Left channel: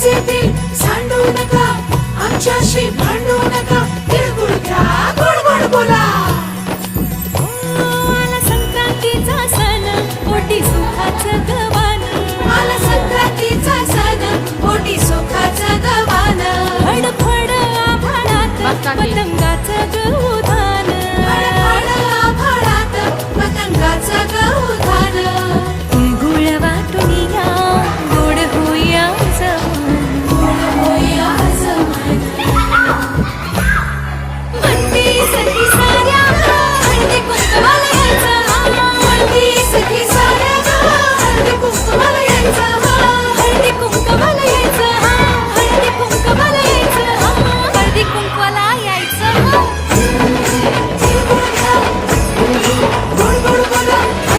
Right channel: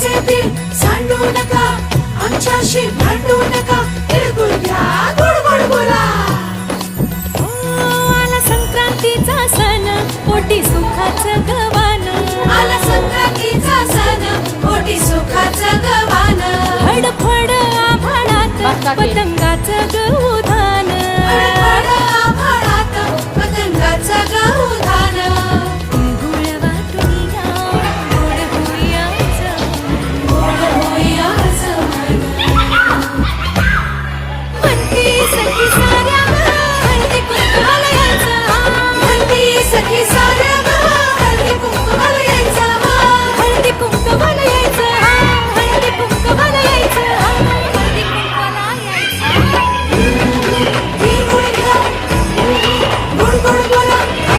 सांडू नका आमच्याशी भांडू नका तिळगुळ घ्या गोड गोड बोला आला संक्रांतीचा सण पोटी सुखाचं गवान आला संक्रांतीचा सण पोटी सुखाचं गवान फडफड आभाळात पतंगाचं गवधान आभाळात पतंगाचं